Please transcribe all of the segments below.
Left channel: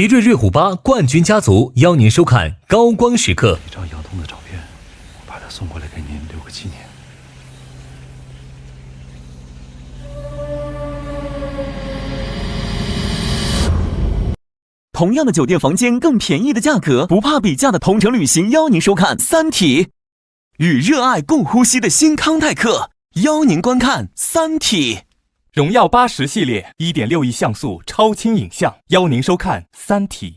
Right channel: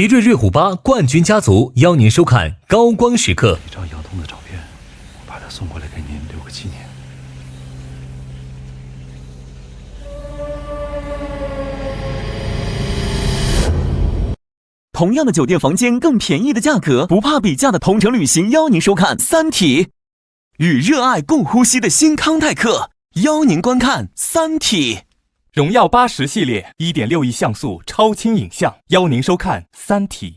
奇瑞瑞虎8冠军家族邀您收看高光时刻。一张杨通的照片，我把它送过来给您留个纪念。同样的酒店房间，更便宜的价格，不怕比价的同城旅行邀您收看《三体》，与热爱共呼吸的新康泰克邀您观看《三体》。荣耀80系列 1.6 亿像素超清影像，邀您收看《三体》。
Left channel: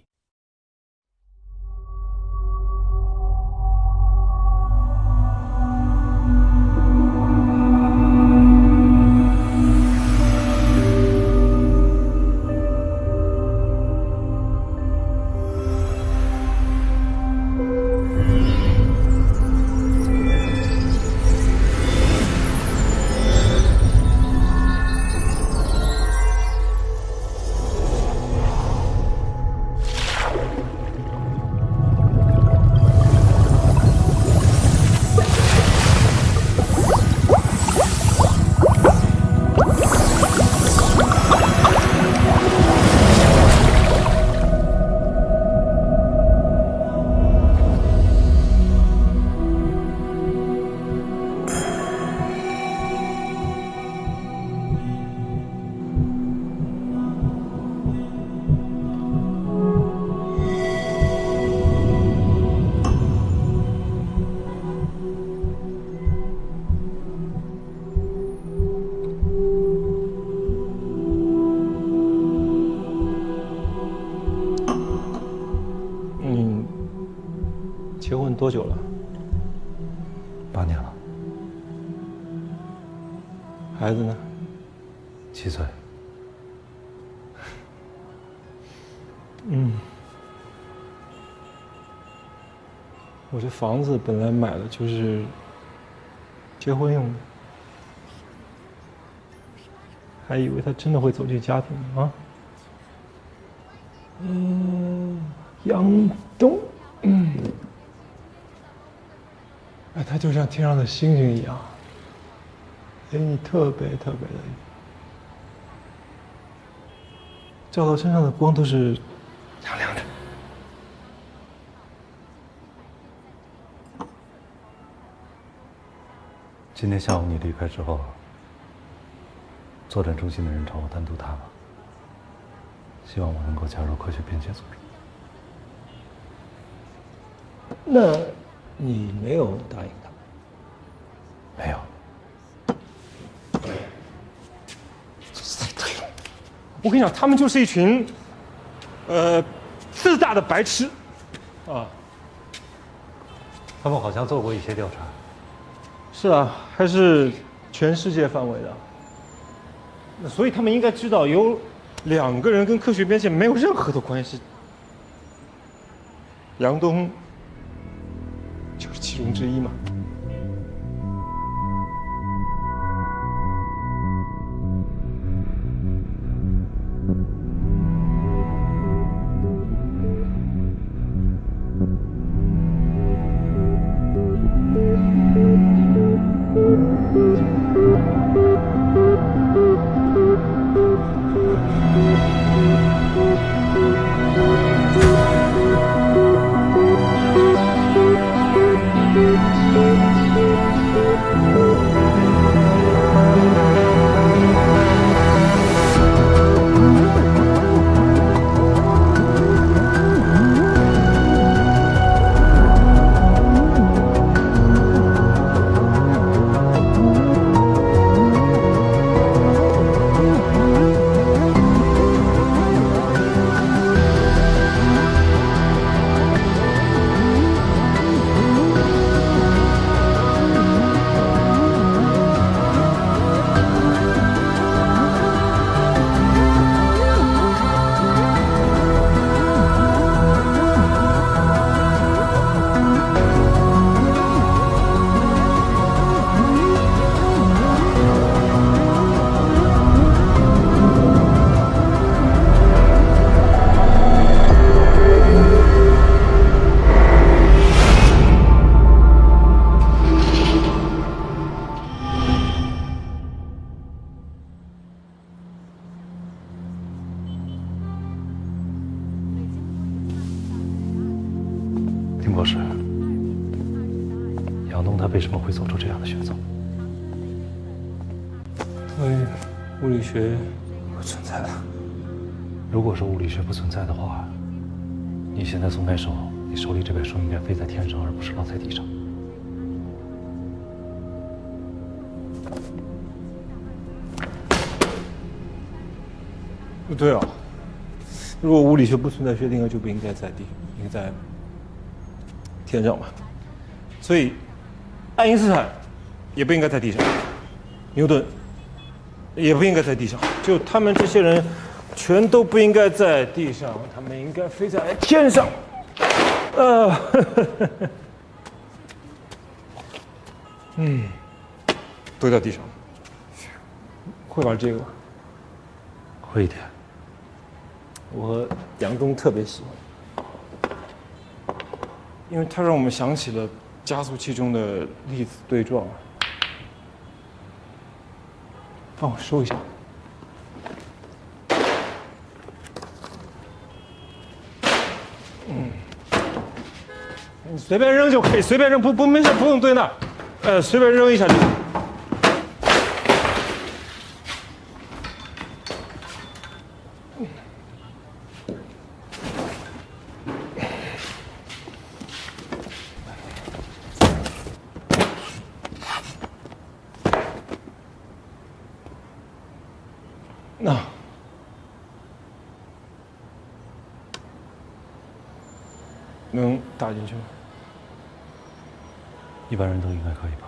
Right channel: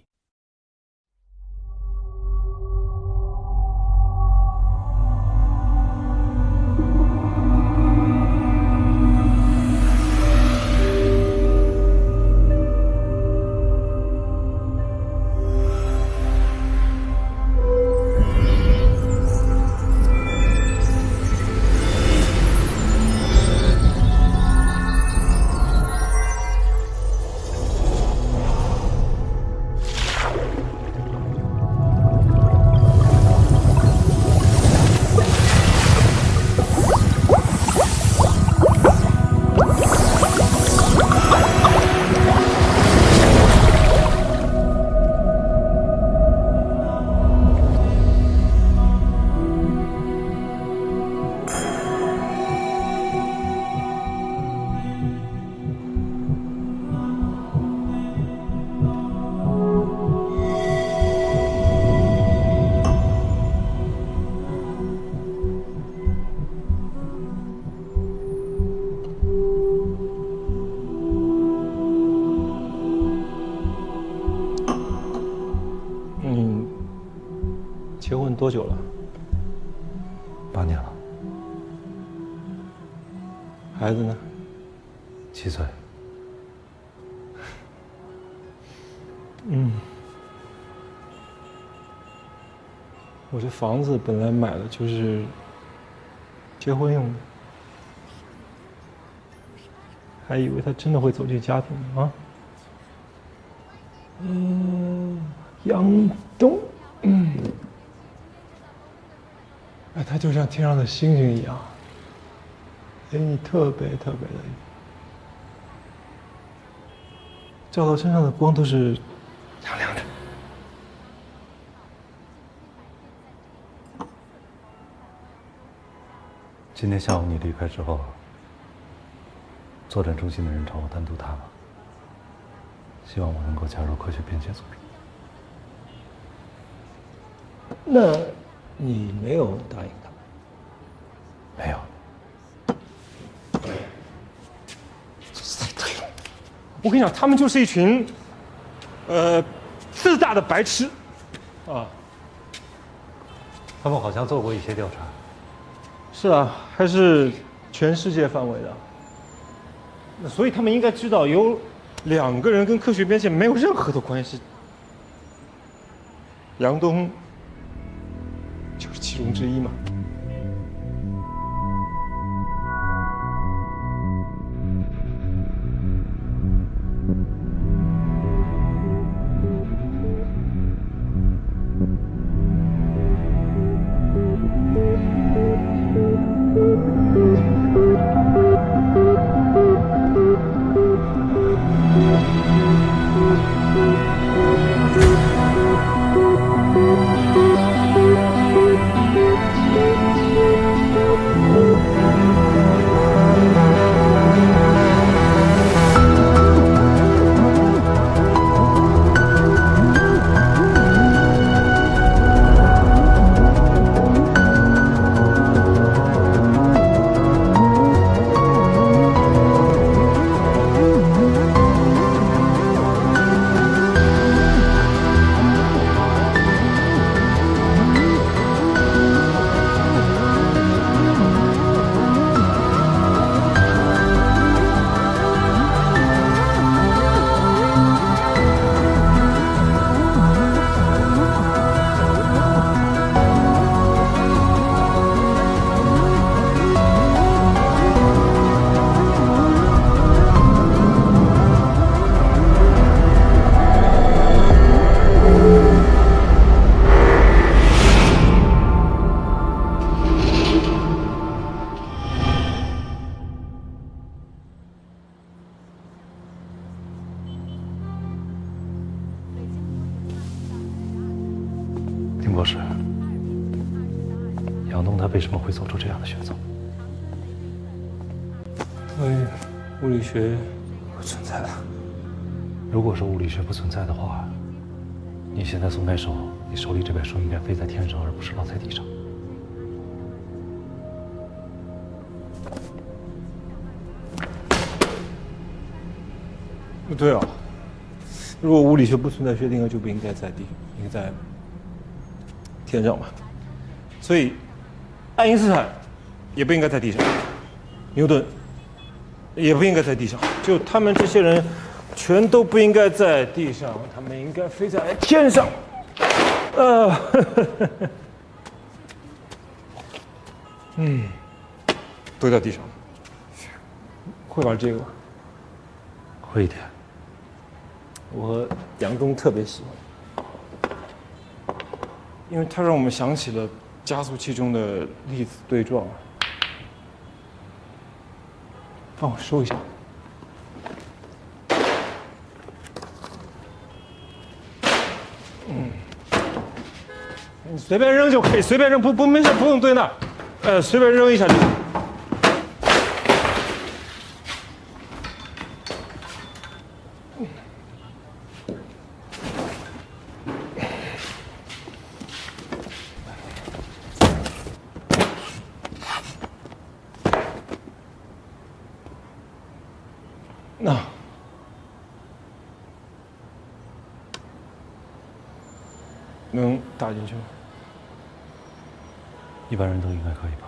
结婚多久了？8年了。孩子呢？7岁。我这房子本来买的就是结婚用的，还以为他真的会走进家庭呢啊。杨东，哎，他就像天上的星星一样，给你特别特别的，照到身上的光都是亮亮的。今天下午你离开之后，作战中心的人找我单独谈了，希望我能够加入科学边界组织。那你没有答应他？没有。太对了，我跟你讲，他们就是一群，自大的白痴，啊。他们好像做过一些调查。是啊，还是全世界范围的。那所以他们应该知道，有2个人跟科学边界没有任何的关系。杨东就是其中之一嘛。博士，杨东他为什么会做出这样的选择？因为物理学不存在了。如果说物理学不存在的话，你现在松开手，你手里这本书应该飞在天上，而不是落在地上。不对啊，如果物理学不存在，薛定谔就不应该在地，应该在天上嘛。所以，爱因斯坦也不应该在地上，牛顿也不应该在地上，就他们这些人全都不应该在地上，他们应该飞在天上。都在地上，会玩这个吗？会一点。我杨东特别喜欢，因为它让我们想起了加速器中的粒子对撞。帮我收一下。你随便扔就可以，随便扔，没事，不用堆那儿，随便扔一下就行。那能打进去吗？一般人都应该可以吧。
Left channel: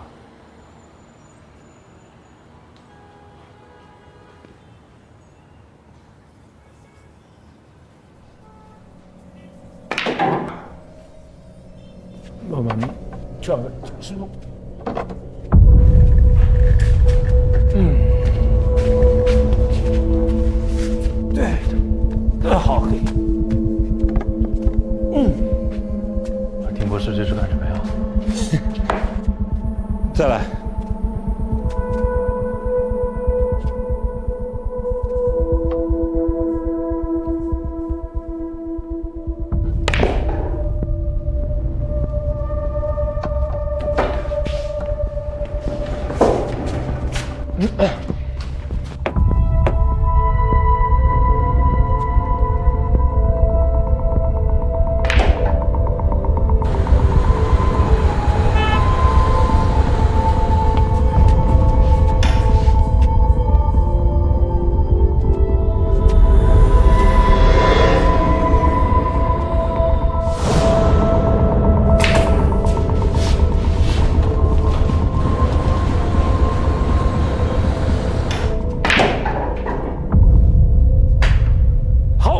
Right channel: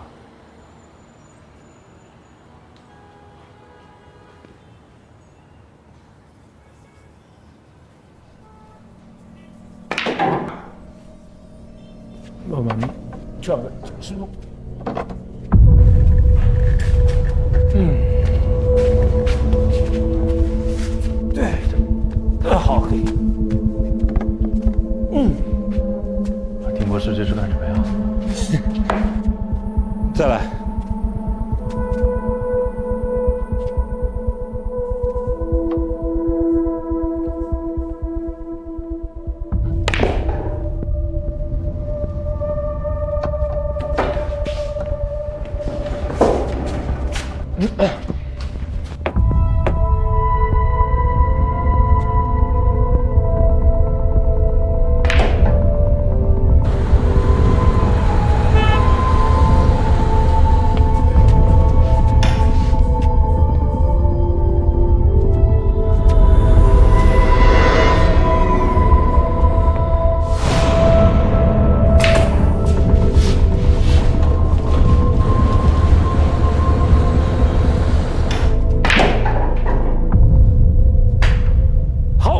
慢慢转个90度。对，好，可以。丁博士，这是干什么呀？再来。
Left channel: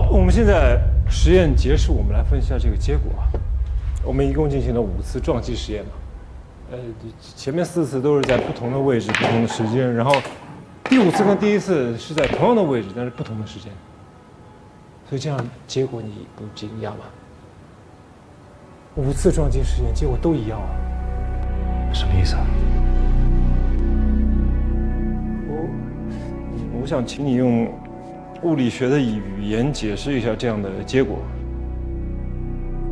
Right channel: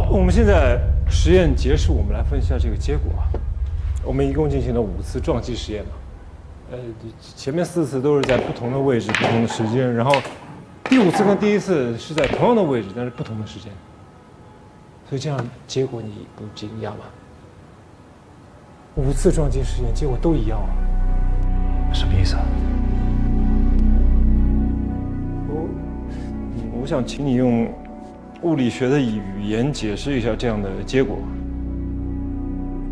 我们现在实验结束，我们来分析一下这个结果。我们一共进行了5次撞击实验嘛，前面4次都是在不同的位置、不同的时间，然后第5次跟第1次是在同样的位置，但是不同的时间。所以这样结果你不惊讶吗？5次撞击实验结果都一样啊。什么意思啊？我想请你用物理学的语言解释一下这样的结果。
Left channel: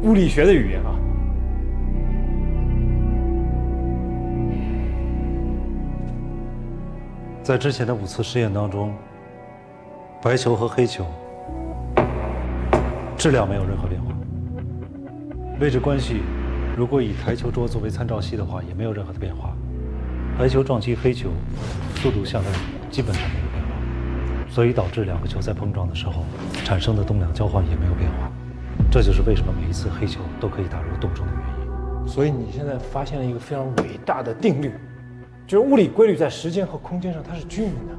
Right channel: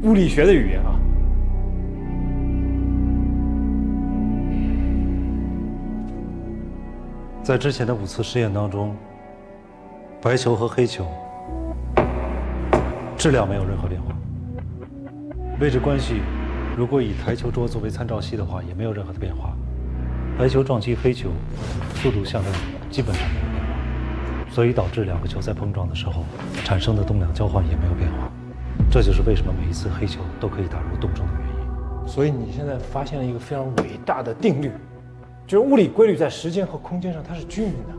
物理学的语言啊。在之前的5次试验当中，白球和黑球质量没有任何变化，位置关系如果以台球桌作为参照系的话，也没有任何的变化。白球撞击黑球，速度相当基本上没有变化。所以导致2个球在碰撞的时候产生的动量交换也没有变化，这就是为什么每一次黑球都可以打入洞中的原因。所以你现在发现了一个非常伟大的定律，就是物理规律在时间和空间上它是均匀的。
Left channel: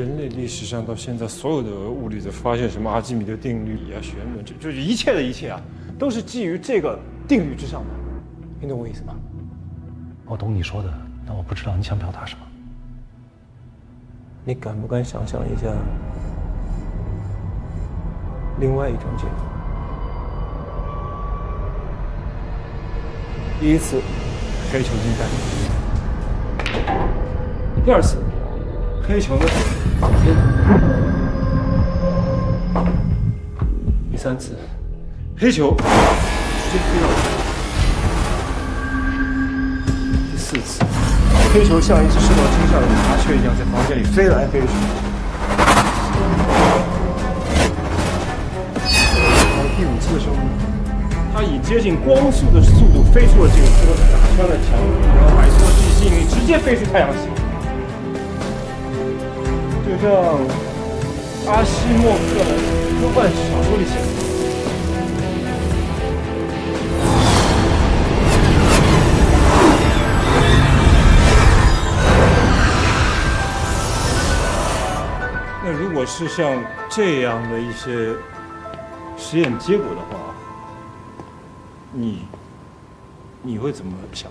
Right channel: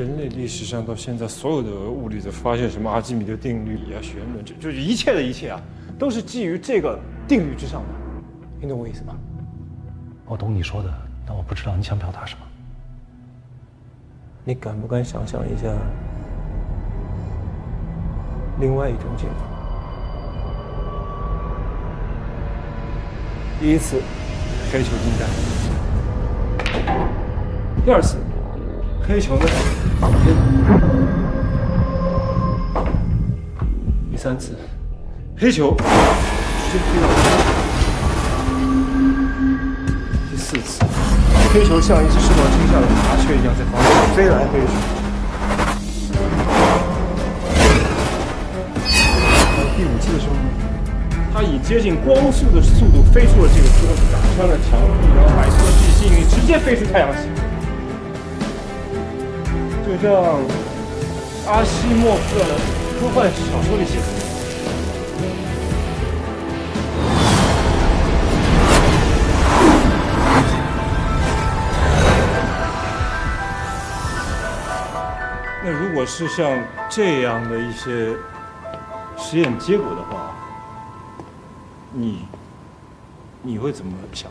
人类历史上到现在所有的物理的发现，什么阿基米德定律啊、弦论，就是一切的一切啊，都是基于这个定律之上的。你懂我意思吗？我懂你说的，但我不知道你想表达什么。你敢不敢想象一下另外一种结果？第1次，黑球进袋；第2次，黑球呢绑边；第3次，黑球直接接飞到第4次，黑球像一只受到惊吓的麻雀一样在房间里飞来飞去。到第5次的时候呢，它以接近光速的速度飞出了这个桌子，打穿了墙壁，然后摆脱了地吸引力，直接飞出太阳系。就像阿西莫夫的科幻小说里写的。那如果是像这样的一些实验结果的话，你会怎么想？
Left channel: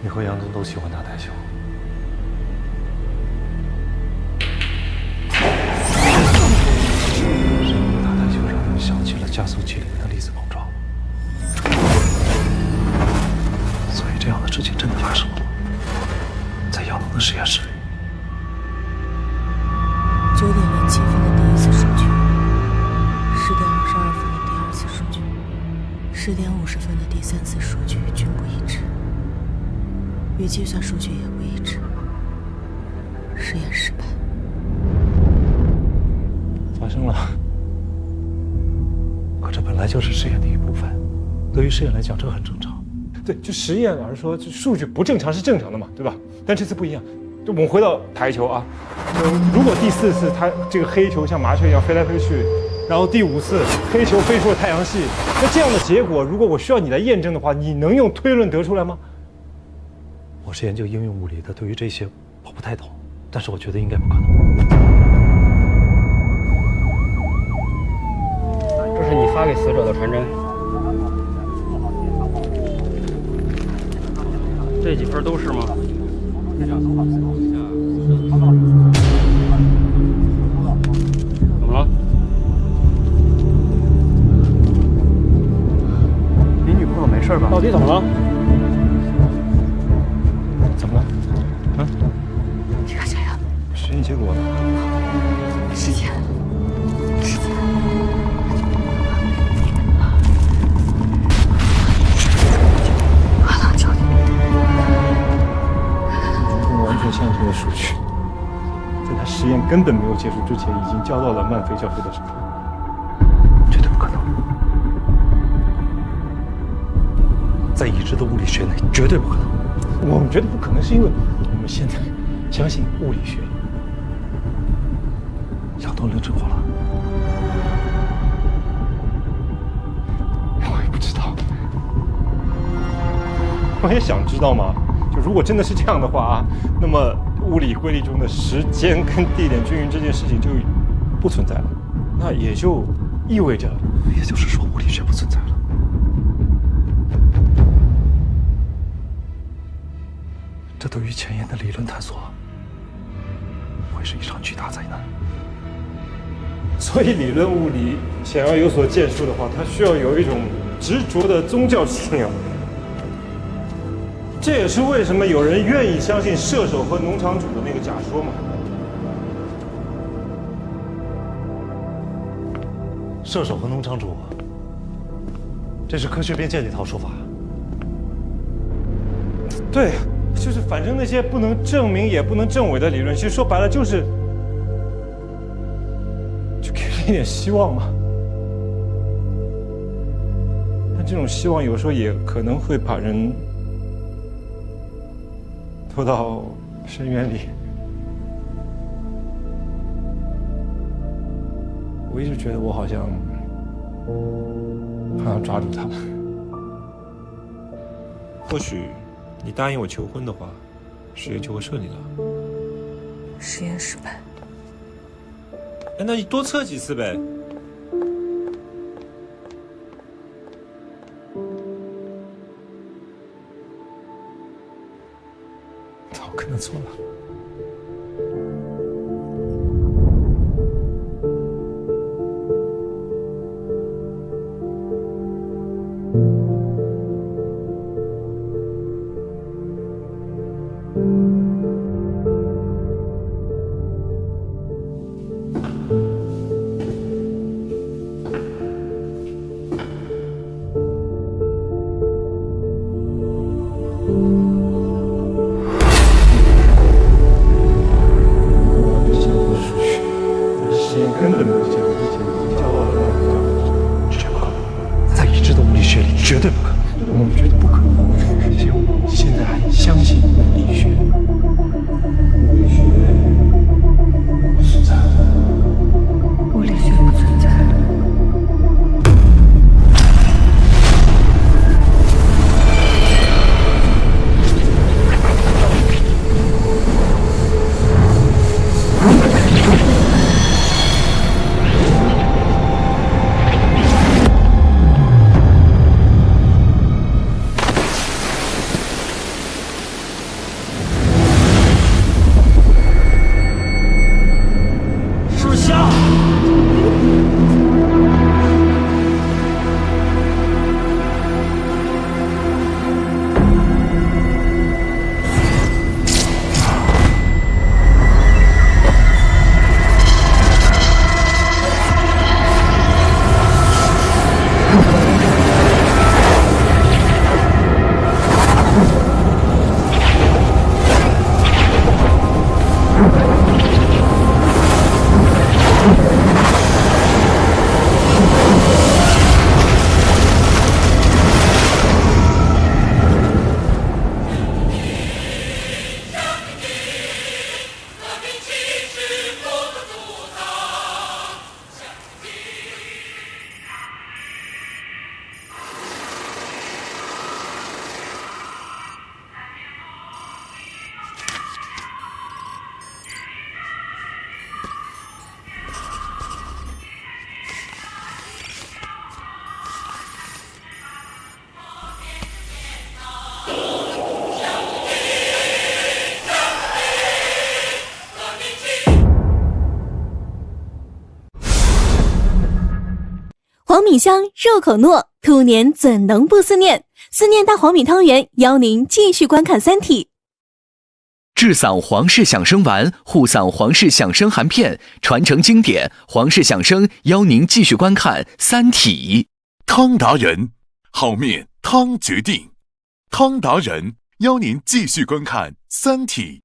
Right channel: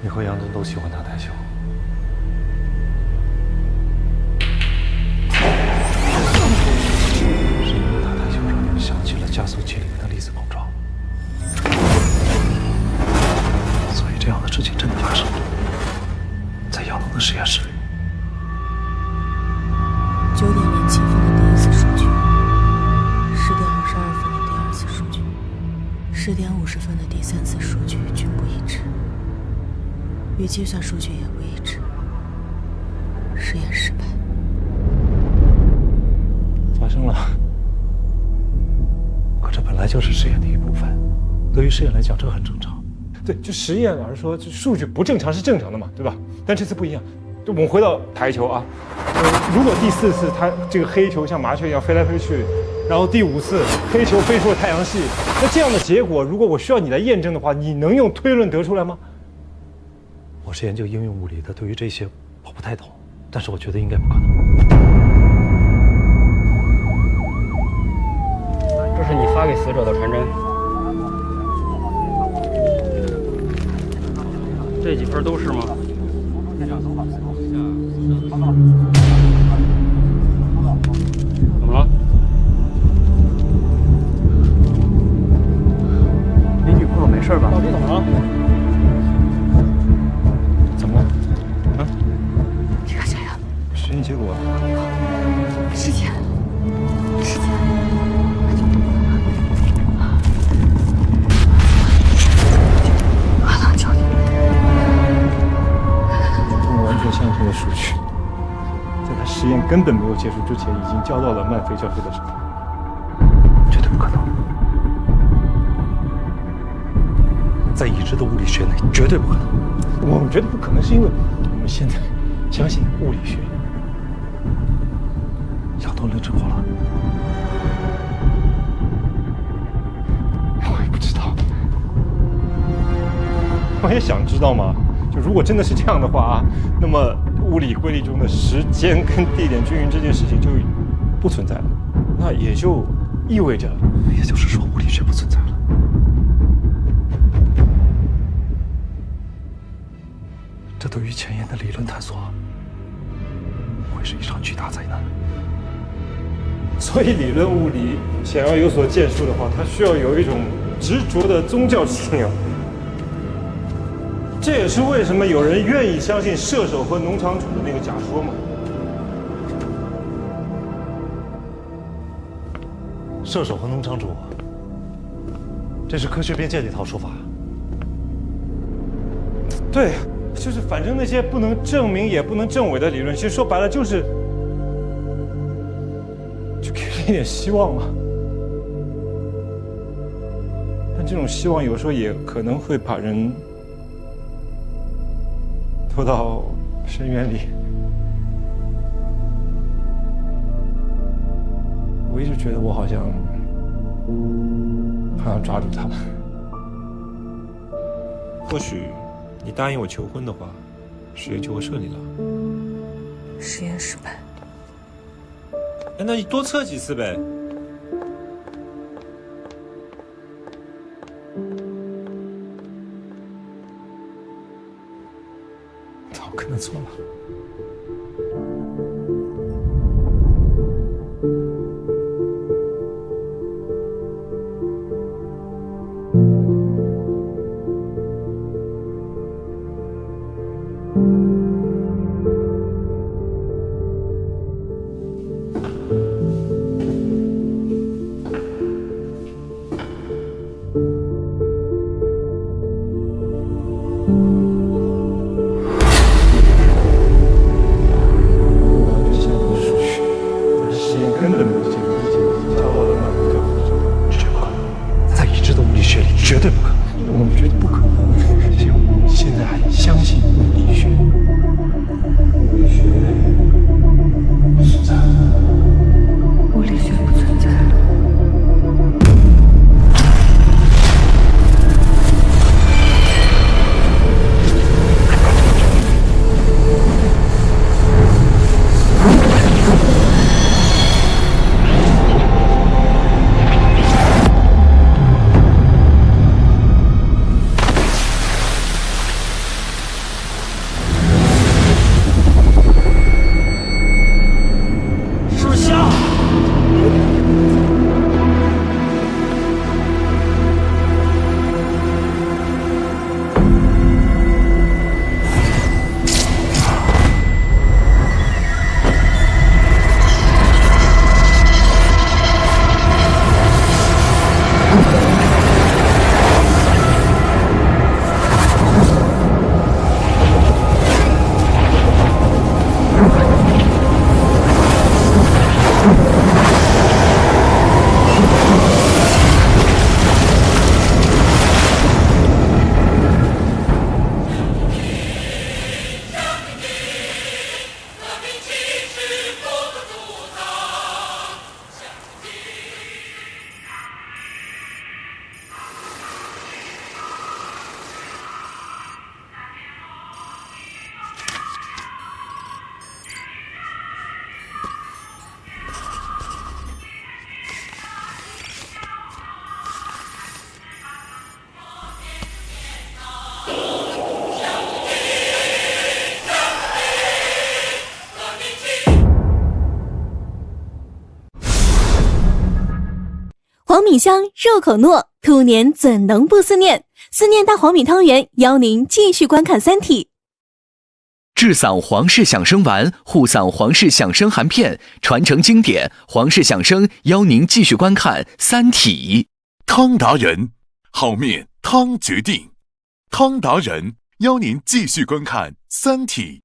你和杨真都喜欢打台球，是因为打台球让你们想起了加速器里面的粒子碰撞，所以这样的事情真的发生了，在姚能的实验室里。 9点07分的第1次数据，10点22分的第2次数据，10点50分的第3次数据均不一致，与计算数据也不一致，实验失败。发生了，可这本来就是实验的一部分，对于实验来讲，这很正常。对，就实验而说，这数据不正常是正常的嘛，对吧？但这次不一样。 就我们回到台球啊，如果第4次它这个黑球像麻雀一样飞来飞去，然后第5次黑球飞出了太阳系，那这样的结果，如果我需要你来验证的话，你能用推论得出来吗？我是研究应用物理的，对于这些我不太懂，但是我觉得应该不可能。这是你发给死者的传真，这几份都是吗？ 怎么了？你女朋友没事吧？到底怎么了？怎么了？啊？你看谁呀？实验结果。时间。我能救你。严重完全相同的数据。 在他实验根本没有结束之前，已经交到了曼菲教授的手上，绝对不可能。在已知的物理学内，绝对不可能。我们觉得不可能，是因为我们现在相信物理学。杨东冷之过了，我也不知道，我也想知道嘛。就如果真的是这样的话啊，那么。 物理规律中的时间跟地点均匀这件事情就不存在了，那也就意味着，也就是说物理学不存在了。这对于前沿的理论探索会是一场巨大灾难。所以理论物理想要有所建树的话，它需要有一种执着的宗教信仰。 这也是为什么有人愿意相信射手和农场主的那个假说嘛。射手和农场主，这是科学边界的一套说法。对，就是反正那些不能证明也不能证伪的理论，其实说白了就是，就给人一点希望嘛。但这种希望有时候也可能会把人。 拖到深渊里，我一直觉得我好像抓住他们。或许你答应我求婚的话，实验就会顺利了。实验失败。哎，那你多测几次呗。我可能错了。知的物理学里绝对不可能。我们觉得不可能，现在还相信物理学。物理学不存在。物理学不存在。黄米香，入口糯，兔年怎能不思念？思念大黄米汤圆，邀您继续观看《三体》。治嗓皇氏响声丸，护嗓皇氏响声含片，传承经典，皇氏响声邀您继续观看《三体》。汤达人，好面汤决定。汤达人邀您继续观看《三体》。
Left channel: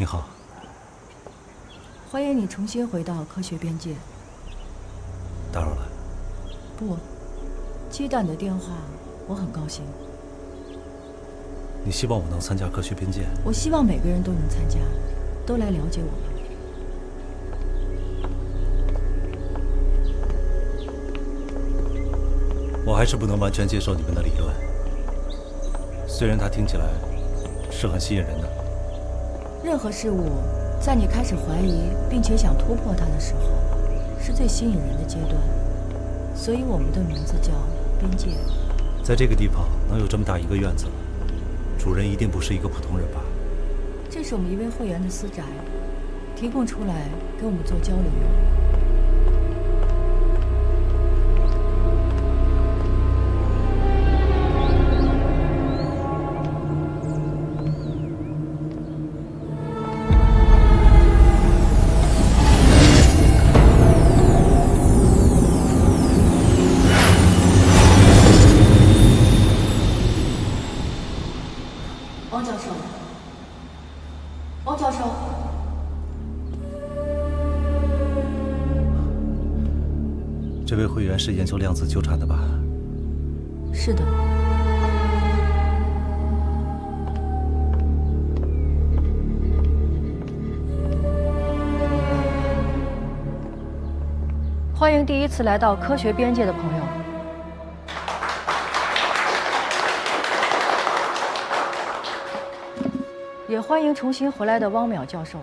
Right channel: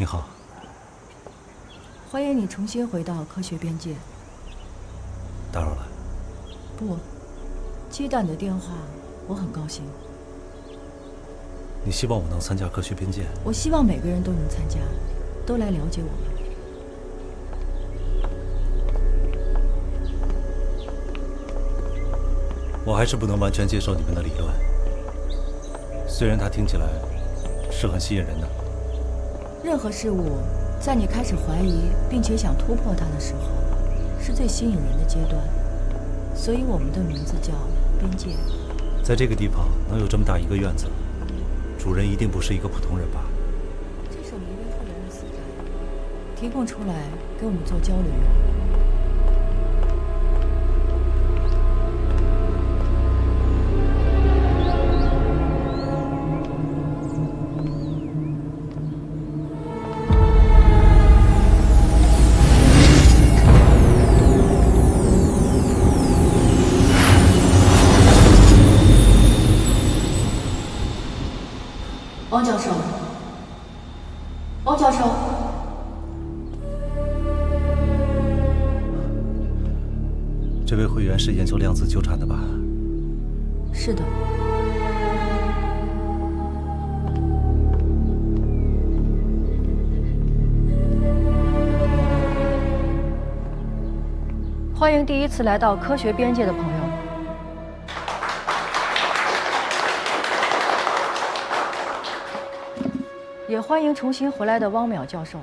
你好，欢迎你重新回到科学边界。打扰了。不，接到你的电话，我很高兴。你希望我能参加科学边界？我希望每个人都能参加，都来了解我们。我还是不能完全接受你们的理论，虽然它听起来是很吸引人的。任何事物，在你开始怀疑并且想突破它的时候，是最吸引人的阶段。所以我们的名字叫边界。在这个地方能有这么大一个院子，主人一定不是一个普通人吧？这是我们一位会员的私宅，提供出来给我们做交流用。汪教授，汪教授，这位会员是研究量子纠缠的吧？是的。欢迎第一次来到科学边界的朋友。也欢迎重新回来的汪淼教授。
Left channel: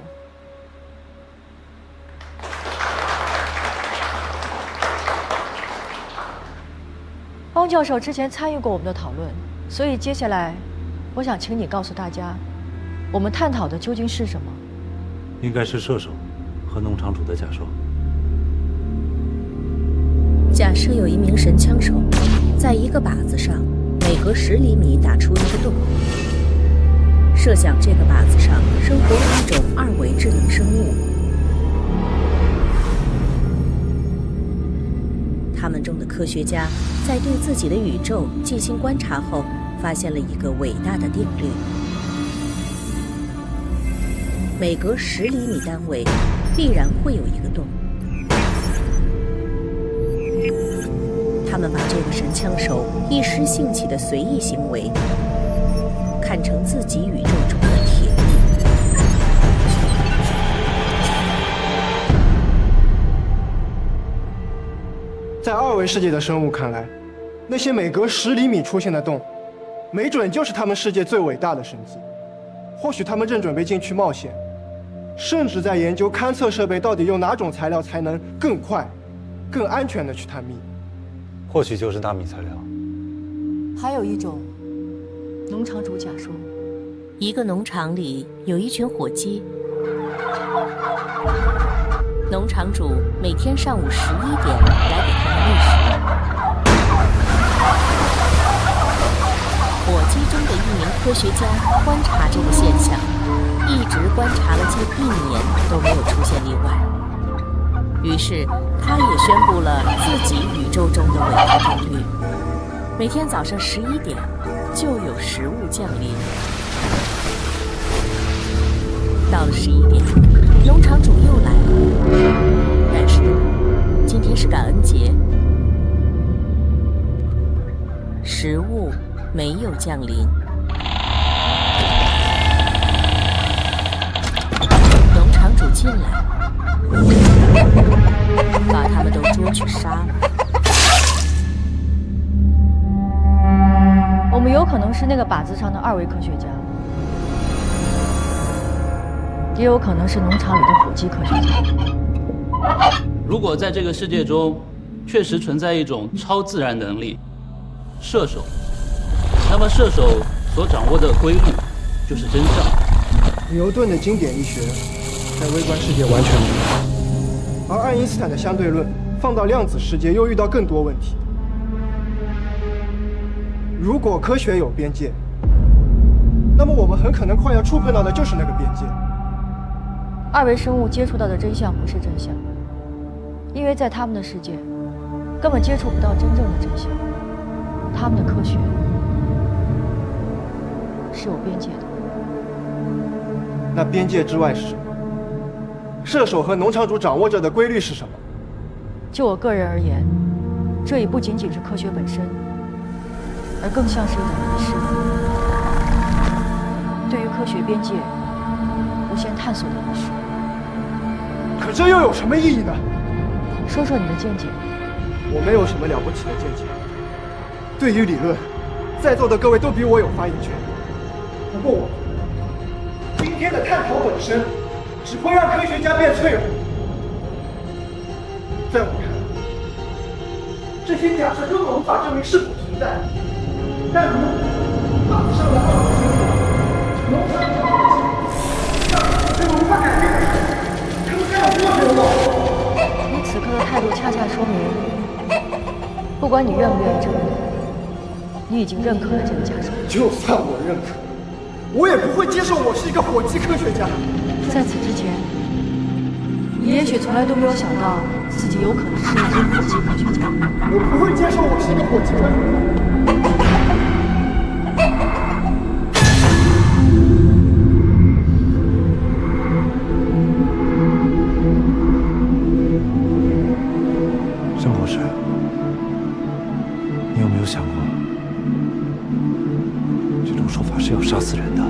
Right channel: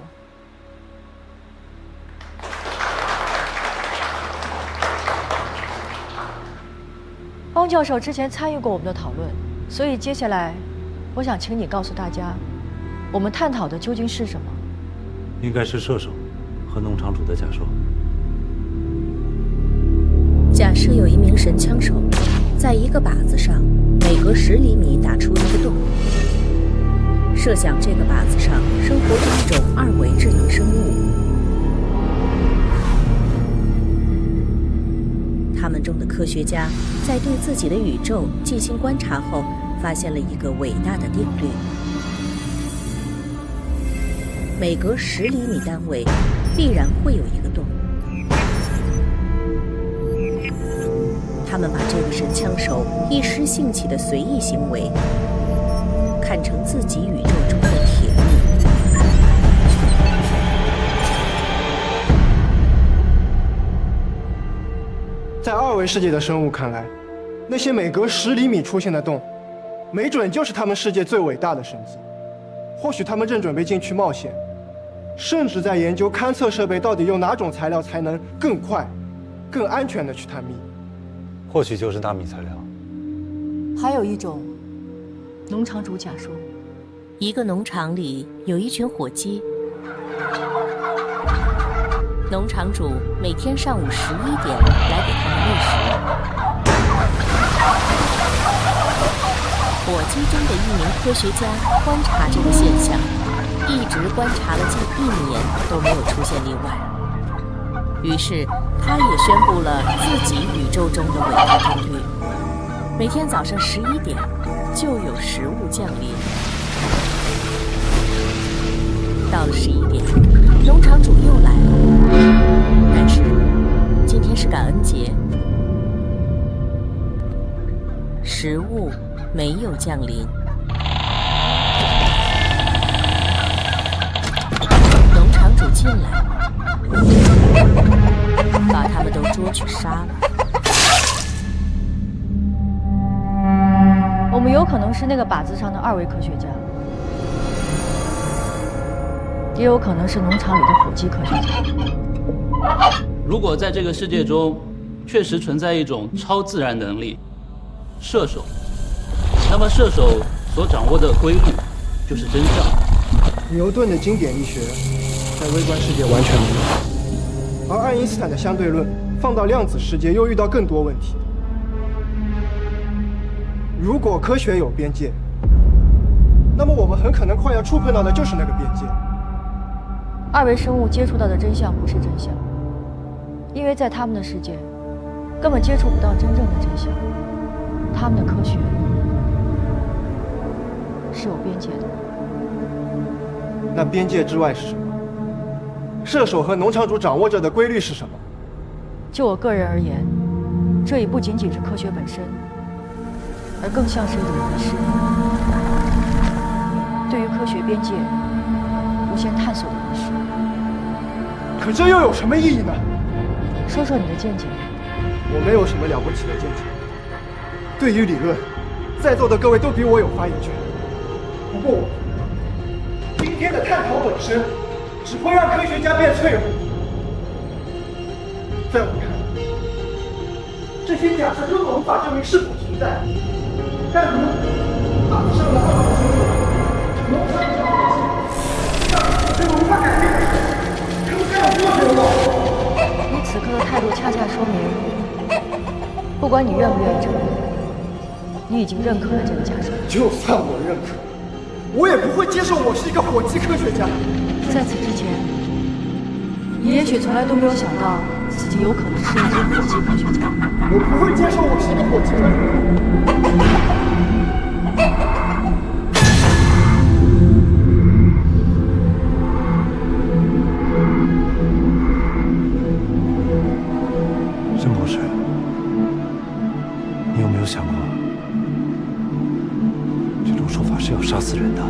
汪教授之前参与过我们的讨论，所以接下来，我想请你告诉大家，我们探讨的究竟是什么？应该是射手和农场主的假说。假设有一名神枪手，在一个靶子上每隔10厘米打出一个洞。设想这个靶子上生活着一种2维智能生物，他们中的科学家在对自己的宇宙进行观察后，发现了一个伟大的定律：每隔10厘米单位必然会有一个洞。他们把这个神枪手一时兴起的随意行为看成自己宇宙中的铁律。在2维世界的生物看来，那些每隔10厘米出现的洞，没准就是他们世界最伟大的神迹。或许他们正准备进去冒险，甚至在研究勘测设备到底用哪种材料才能更快、更安全地去探秘。或许就是纳米材料。还有一种，农场主假说，一个农场里有一群火鸡，农场主每天上午11点来给他们喂食。火鸡中的一名科学家观察这个现象，一直观察了近1年都没有出现例外。于是他也宣布了自己宇宙中的伟大定律：每天早上11点就有食物降临。到了11点，农场主又来了，但是今天是感恩节，食物没有降临。农场主进来，把他们都捉去杀了。我们有可能是那个靶子上的2维科学家，也有可能是农场里的火鸡科学家。如果在这个世界中确实存在一种超自然能力——射手，那么射手所掌握的规律就是真相。牛顿的经典力学在微观世界完全没有，而爱因斯坦的相对论放到量子世界又遇到更多问题。如果科学有边界，那么我们很可能快要触碰到的就是那个边界。2维生物接触到的真相不是真相，因为在他们的世界根本接触不到真正的真相。他们的科学是有边界的。那边界之外是什么？射手和农场主掌握着的规律是什么？就我个人而言，这已不仅仅是科学本身，而更像是一种仪式，对于科学边界无限探索的仪式。可这又有什么意义呢？说说你的见解。我没有什么了不起的见解。对于理论，在座的各位都比我有发言权。不过我觉得，今天的探讨本身只会让科学家变脆弱。在我看来，这些假设根本无法证明是否存在。但如靶子上的2维生物，农场主的火鸡，这个无法改变的事，他们该有多绝望？你此刻的态度恰恰说明，不管你愿不愿意承认，你已经认可了这个假说。就算我认可，我也不会接受我是一个火鸡科学家。在此之前，你也许从来都没有想到自己有可能是一名火鸡科学家。我不会接受我是一个火鸡科学家。申博士，你有没有想过，这种说法是要杀死人的？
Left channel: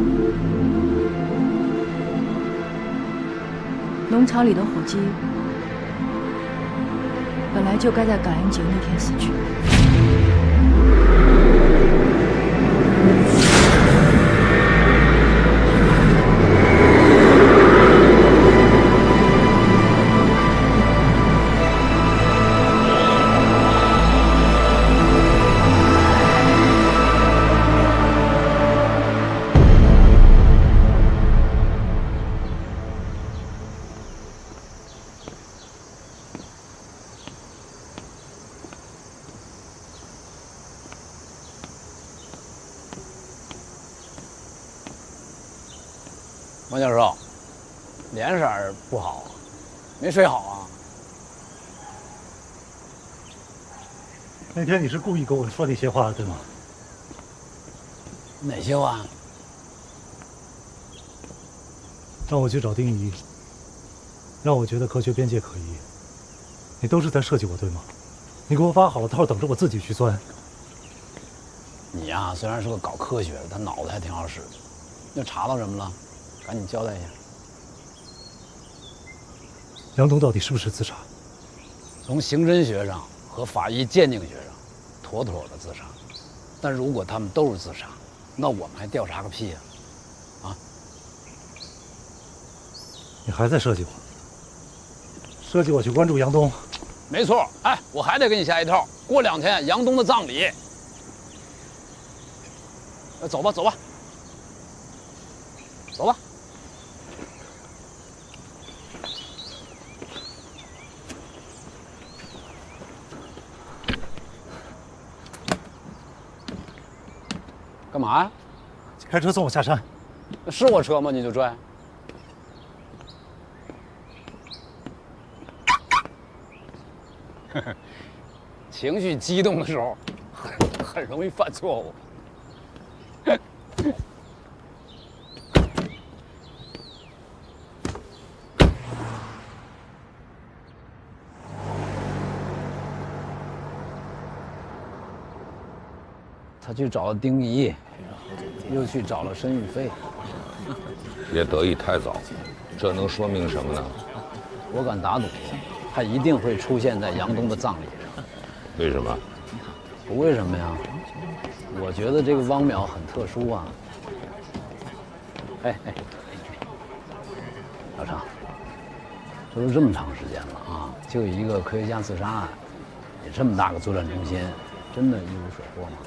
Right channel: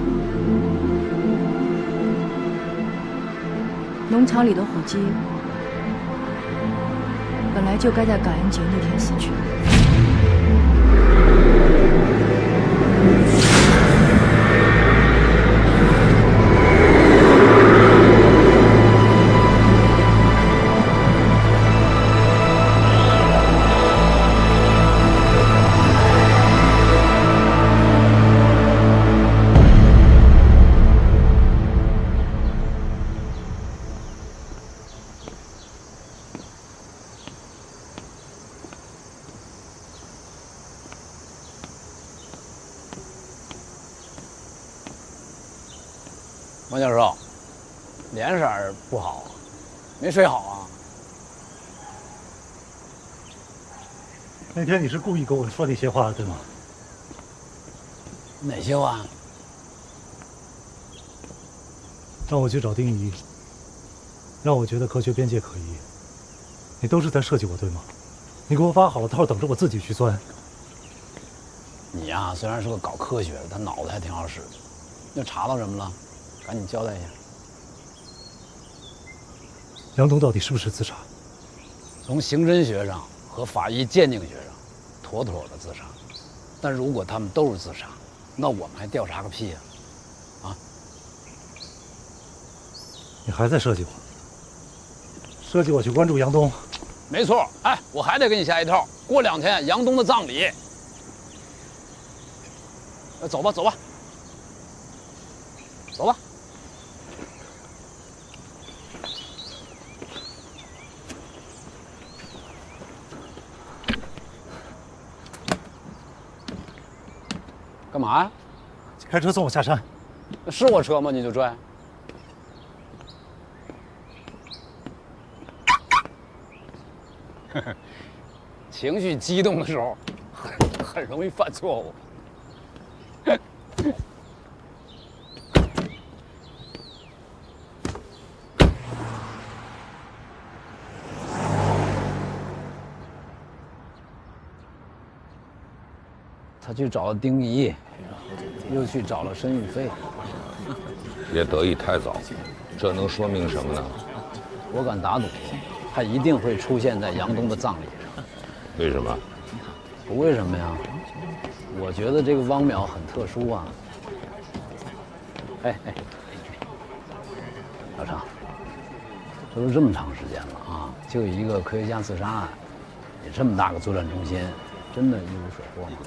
农场里的火鸡本来就该在感恩节那天死去。王教授，脸色不好，没睡好啊？那天你是故意跟我说那些话，对吗？哪些话？让我去找丁仪，让我觉得科学边界可疑。你都是在设计我，对吗？你给我挖好了套，等着我自己去钻。你呀，虽然是个搞科学的，但脑子还挺好使的。又查到什么了？赶紧交代一下。杨东到底是不是自杀？从刑侦学上和法医鉴定学上，妥妥的自杀。但如果他们都是自杀，那我们还调查个屁呀！啊！你还在设计我？设计我去关注杨东？没错。哎，我还得给你下一套。过2天杨东的葬礼。走吧，走吧，走吧。干嘛呀？开车送我下山。是我车吗？你就拽？情绪激动的时候，很容易犯错误。他去找了丁仪，又去找了申玉飞。别得意太早，这能说明什么呢？我敢打赌，他一定会出现在杨东的葬礼上。为什么？不为什么呀？我觉得这个汪淼很特殊啊。哎，老常，这都这么长时间了啊，就一个科学家自杀案，你这么大个作战中心，真的一无所获吗？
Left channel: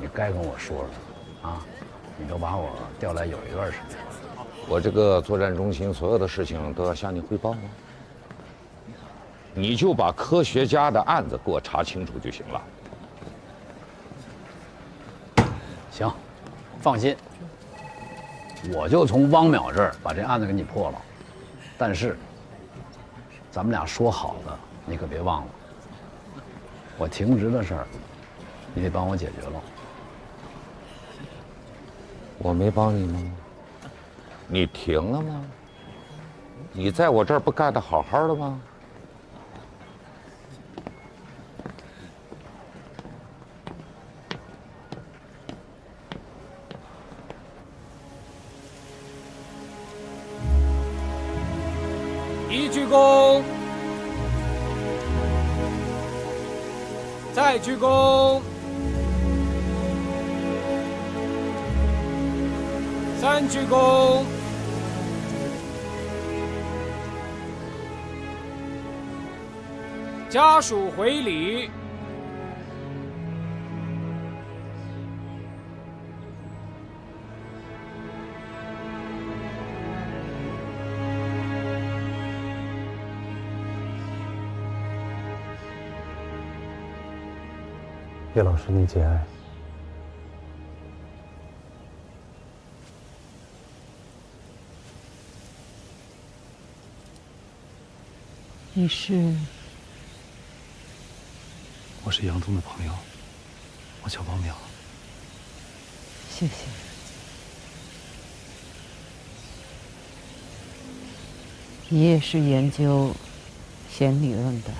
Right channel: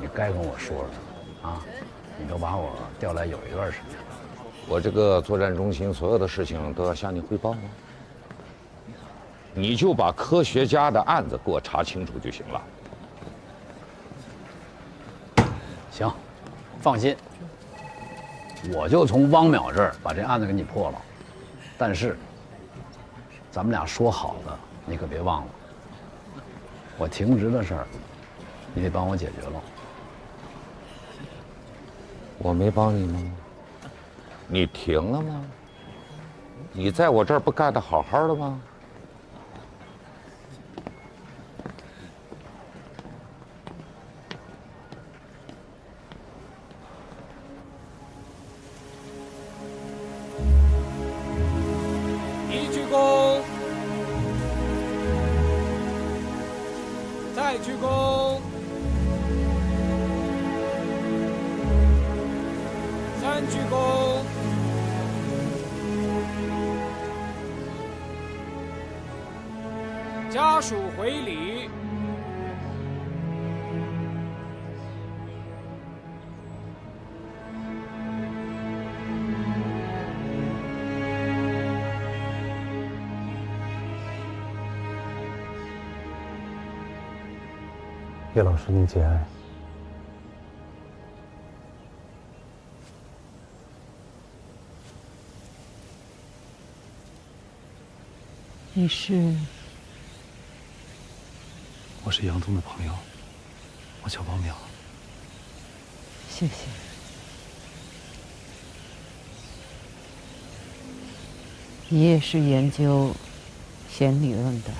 你该跟我说说啊！你都把我调来有一段时间了，我这个作战中心所有的事情都要向你汇报吗？你就把科学家的案子给我查清楚就行了。行，放心，我就从汪淼这儿把这案子给你破了。但是，咱们俩说好的，你可别忘了，我停职的事儿，你得帮我解决了。我没帮你吗？你停了吗？你在我这儿不干得好好的吗？一鞠躬，再鞠躬，3鞠躬，家属回礼。叶老师，您节哀。你是？我是杨东的朋友，我叫汪淼。谢谢。你也是研究弦理论的？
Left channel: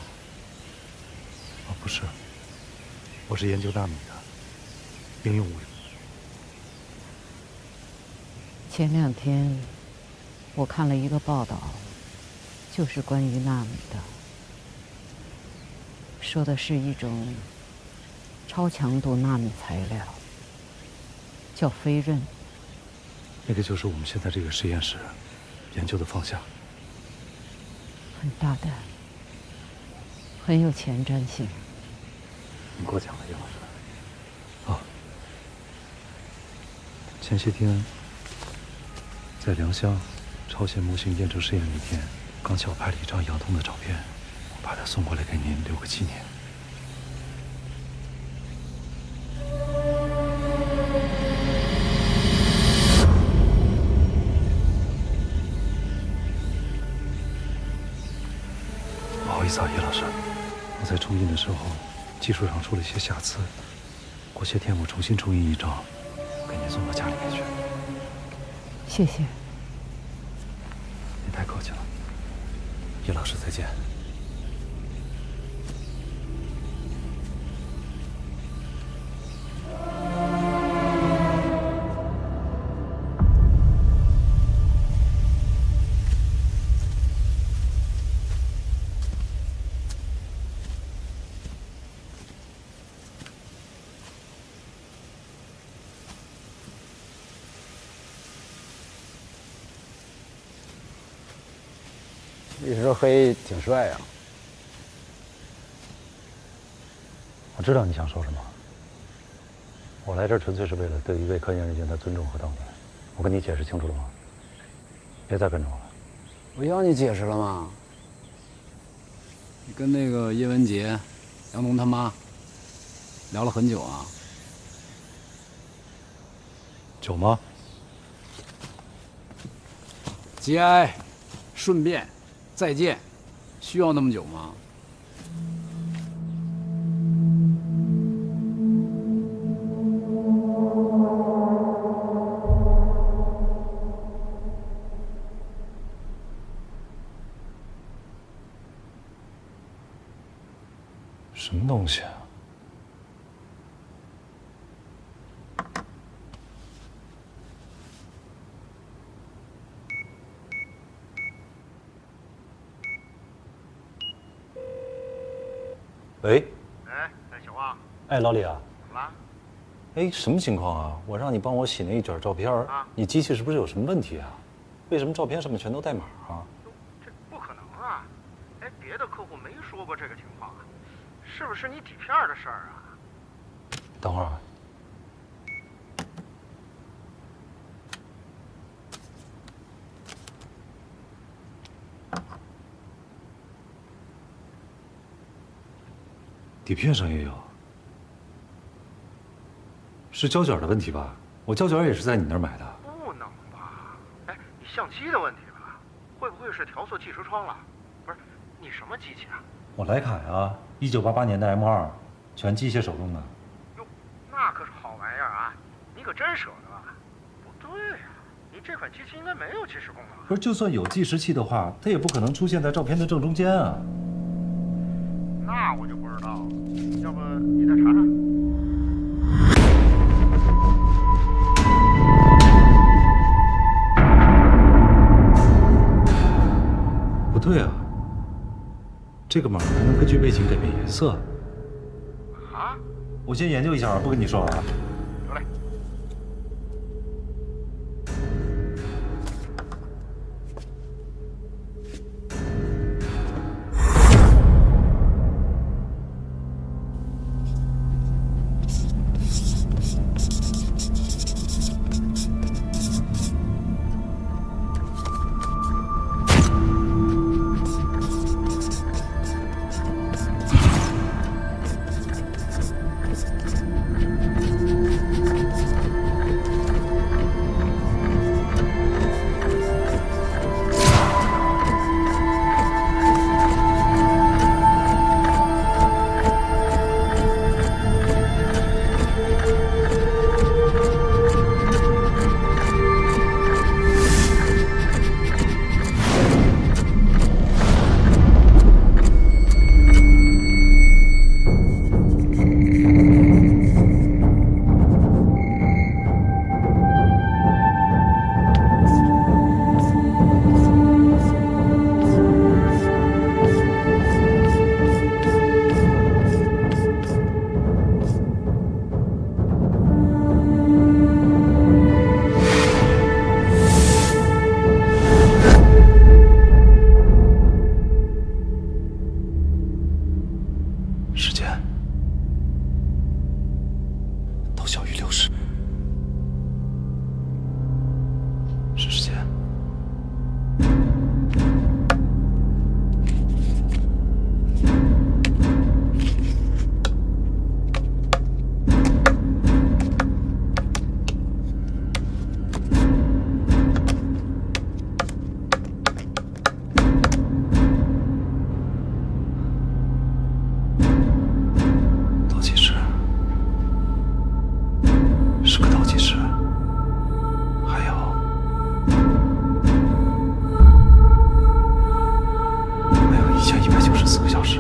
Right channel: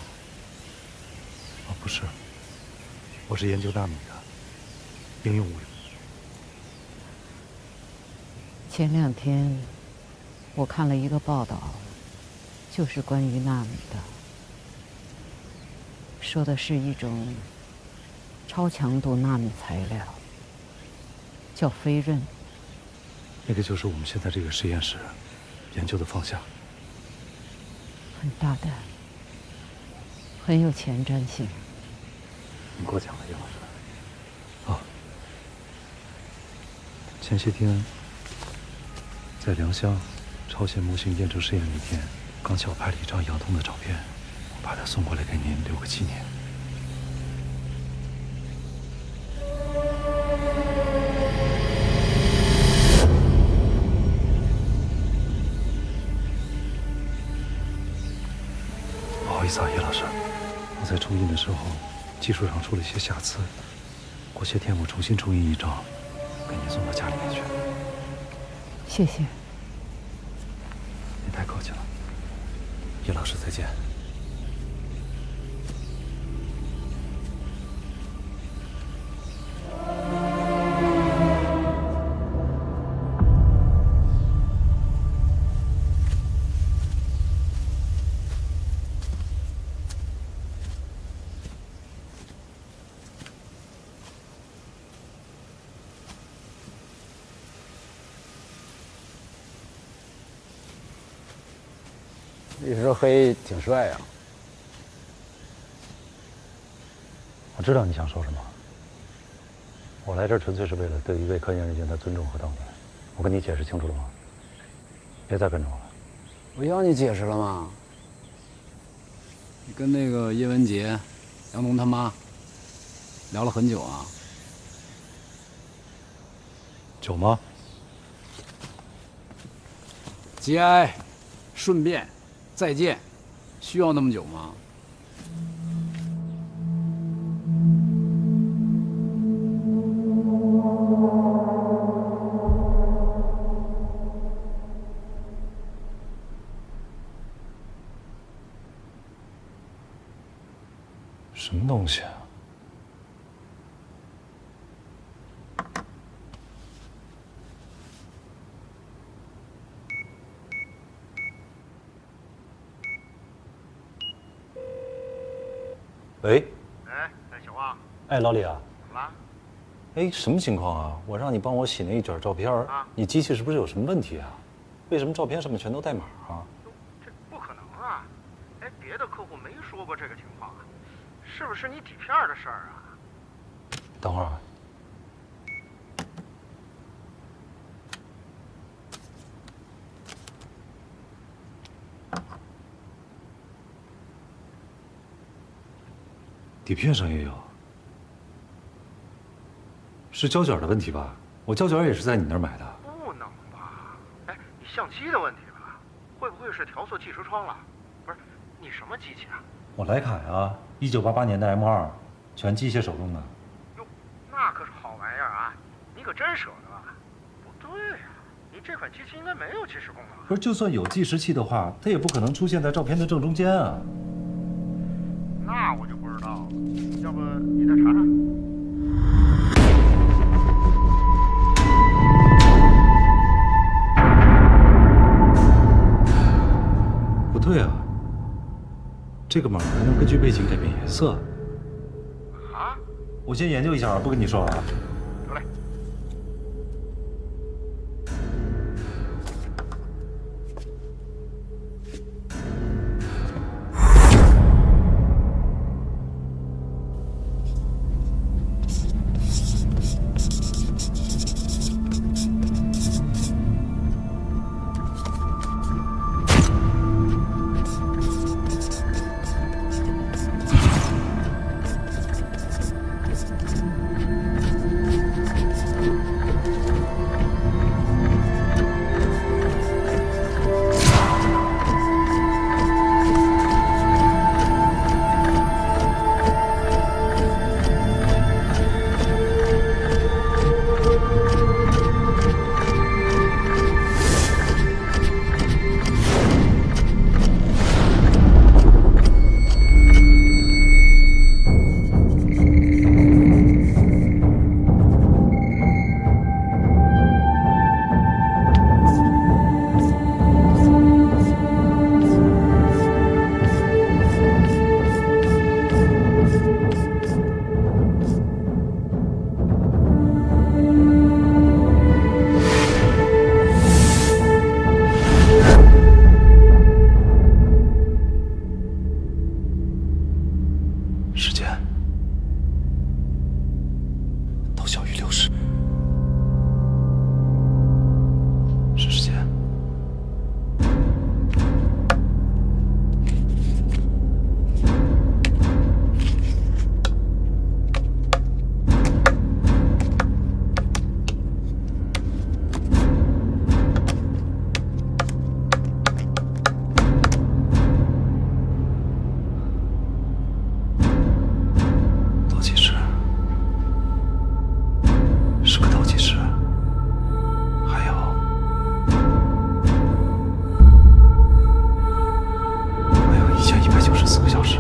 哦，不是。我是研究纳米的，应用物理。前2天，我看了一个报道，就是关于纳米的，说的是一种超强度纳米材料，叫飞刃。那个就是我们现在这个实验室研究的方向。很大胆，很有前瞻性。您过奖了，叶老师。哦，前些天在良乡超弦模型验证试验那天，刚巧拍了一张杨东的照片，我把它送过来给您留个纪念。好意思啊，叶老师，我在重印的时候技术上出了一些瑕疵，过些天我重新重印一张，给您送到家里面去。谢谢。您太客气了，叶老师再见。一身黑挺帅呀。我知道你想说什么。我来这儿纯粹是为了对一位科研人员的尊重和道德。我跟你解释清楚了吗？别再跟着我了。我要你解释了吗？你跟那个叶文洁、杨农他妈聊了很久啊？久吗？节哀，顺便。再见，需要那么久吗？什么东西啊？喂，哎，小旺，哎，老李啊，怎么了？哎，什么情况啊？我让你帮我洗那一卷照片，你机器是不是有什么问题啊？为什么照片上面全都带码啊？这不可能啊！哎，别的客户没说过这个情况啊，是不是你底片的事儿啊？等会儿啊。底片上也有，是胶卷的问题吧？我胶卷也是在你那儿买的。不能吧？哎，你相机的问题吧？会不会是调色计时窗了？不是，你什么机器啊？我徕卡呀，1988年的 M2，全机械手动的。哟，那可是好玩意儿啊！你可真舍得啊？不对呀，你这款机器应该没有计时功能。不是，就算有计时器的话，它也不可能出现在照片的正中间啊。那我就不知道了，要不你再查查？不对啊，这个码还能根据背景改变颜色。啊？我先研究一下啊，不跟你说啊。得嘞。24个小时。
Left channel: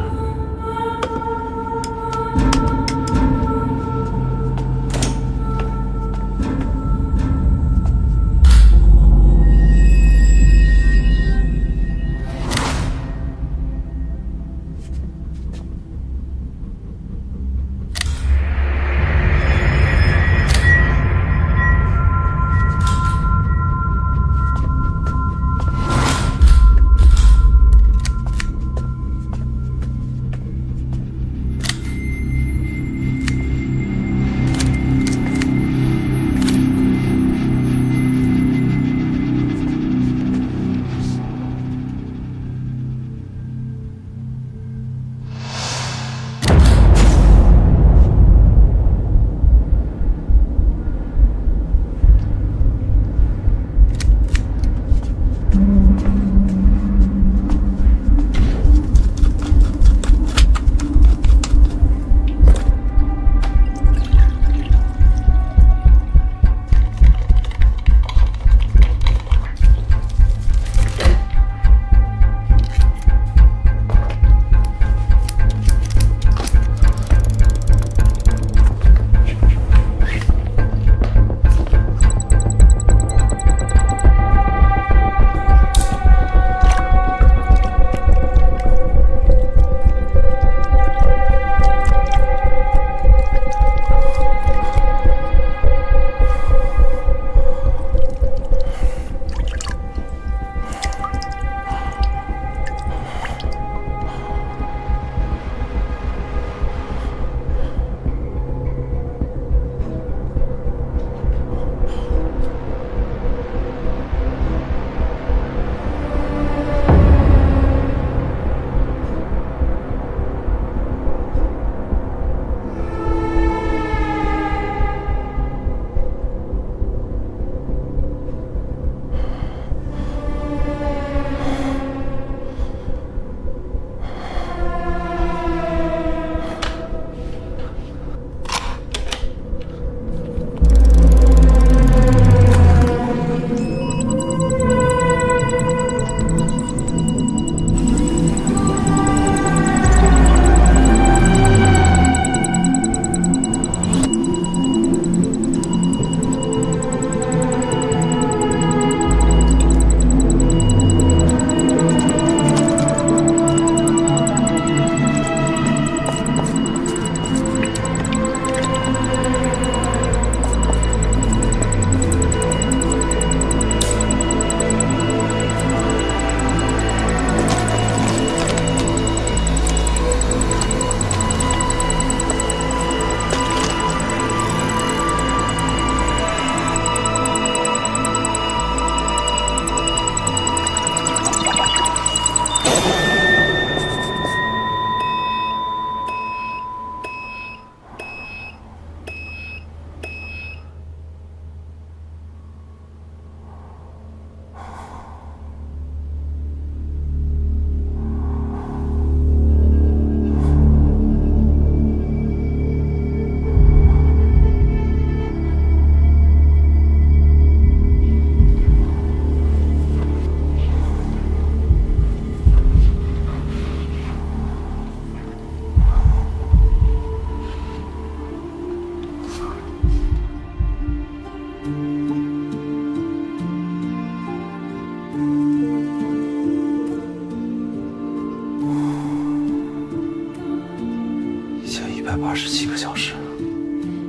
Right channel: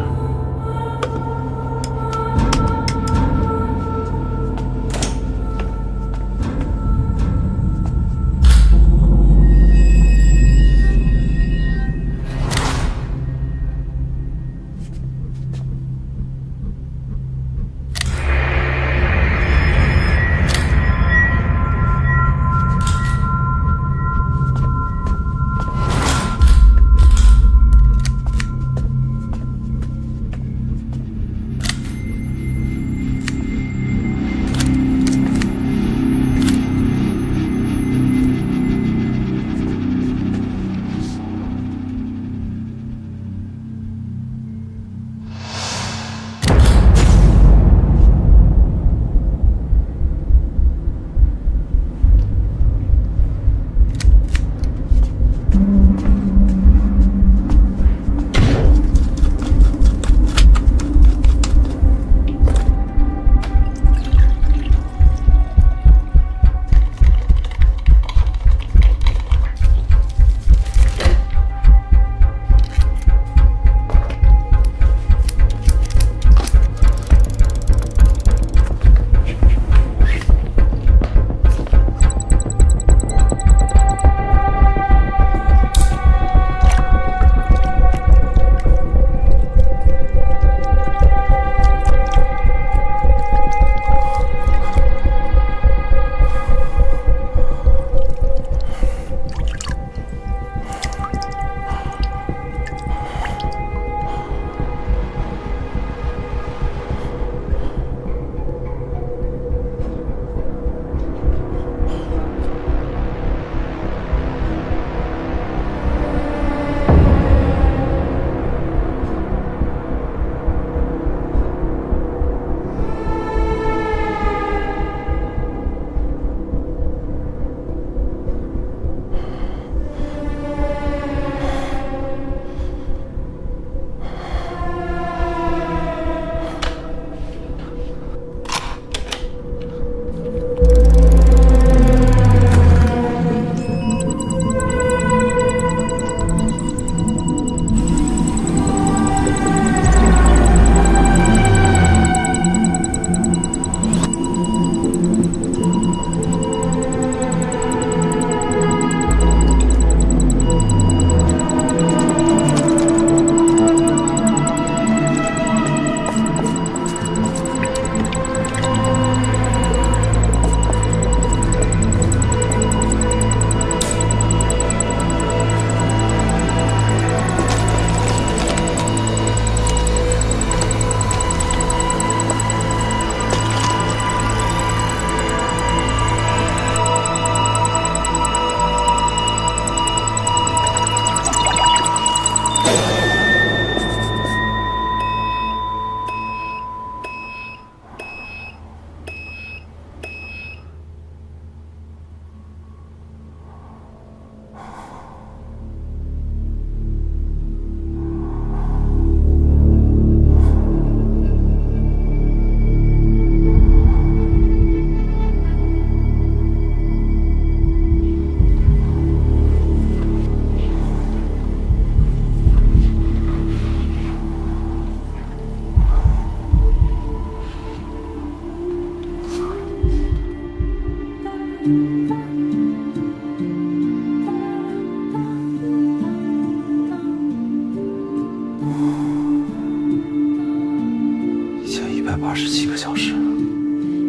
187个小时。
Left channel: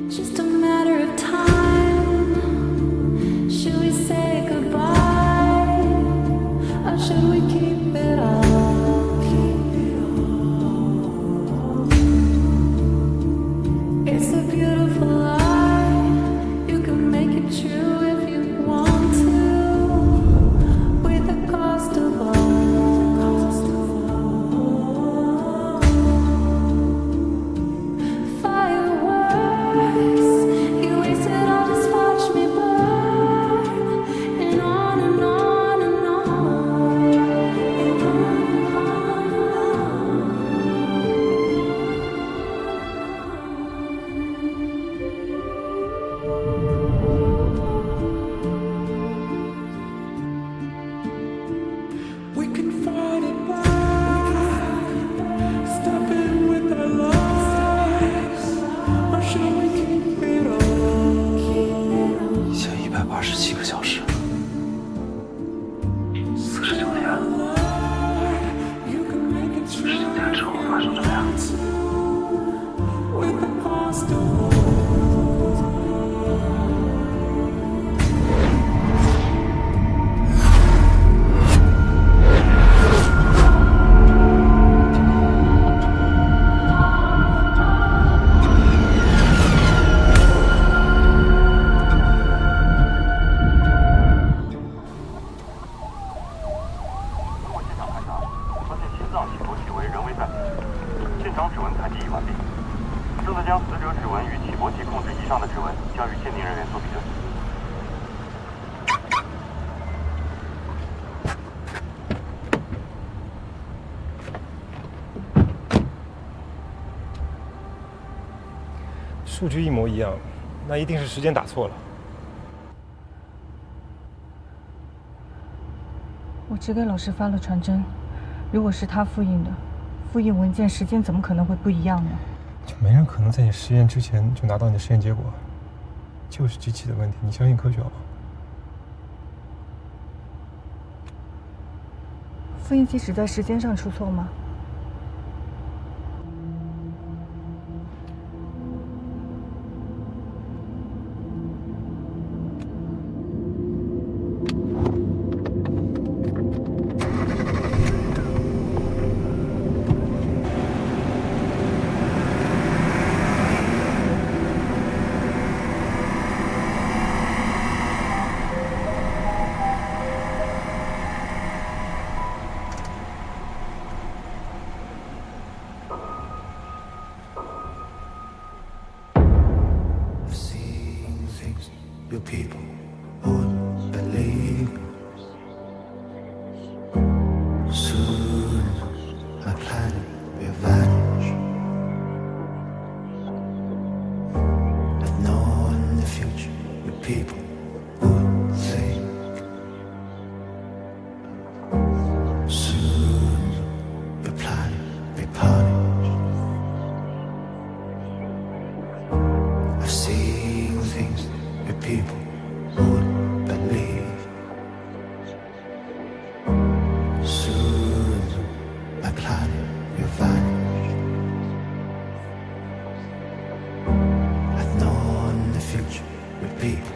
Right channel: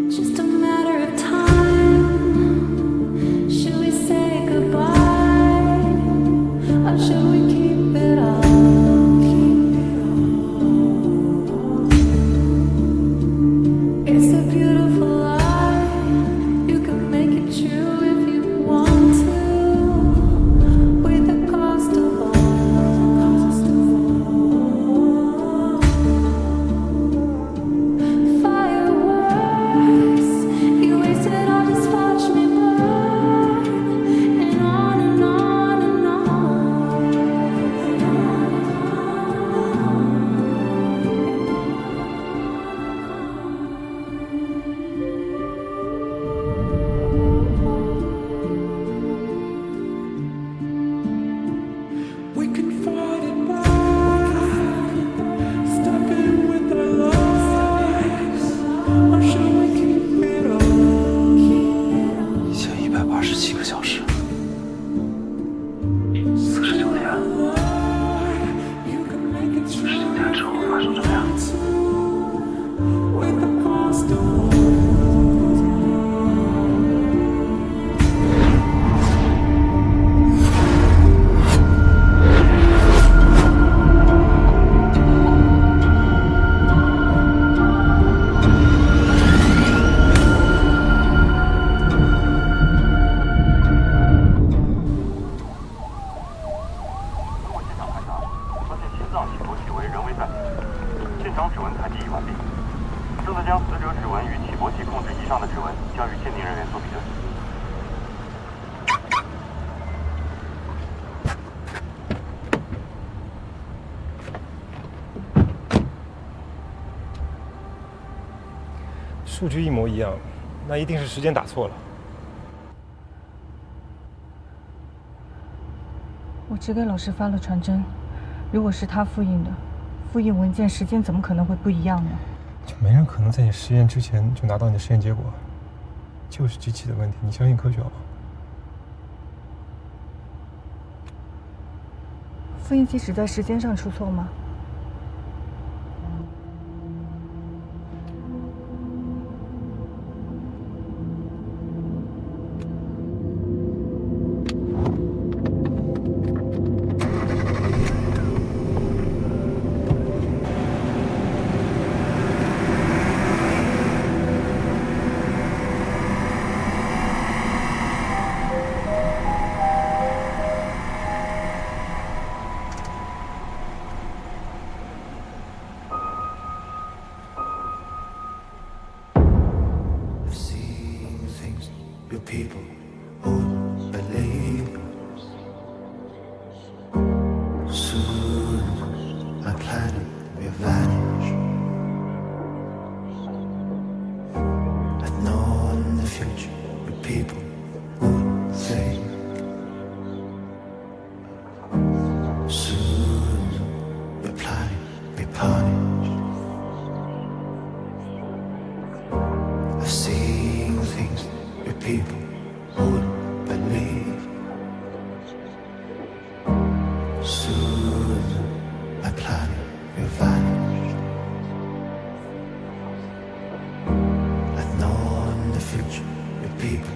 Just a matter of time. Should we say goodbye? Or should we keep it all? It's a beautiful lie. You can make it true if you want to. With the cost of all. Fireworks 10年之后发生怎么样？数据一模一样，那一定是时间打错了。我只给老师发了传真，如果是他复印的，复印文件时间怎么可能会不一样呢？就没人可能在你实验之前就拿到你的实验结果，就是机器的问题，你相信科学好吗？复印机只在时间上出错吗？Your people won't believe. Soon my planet will vanish. I know in the future your people would think. Soon your planet will be punished. I've seen things your people wouldn't believe. Soon my planet will vanish. I know in the future your people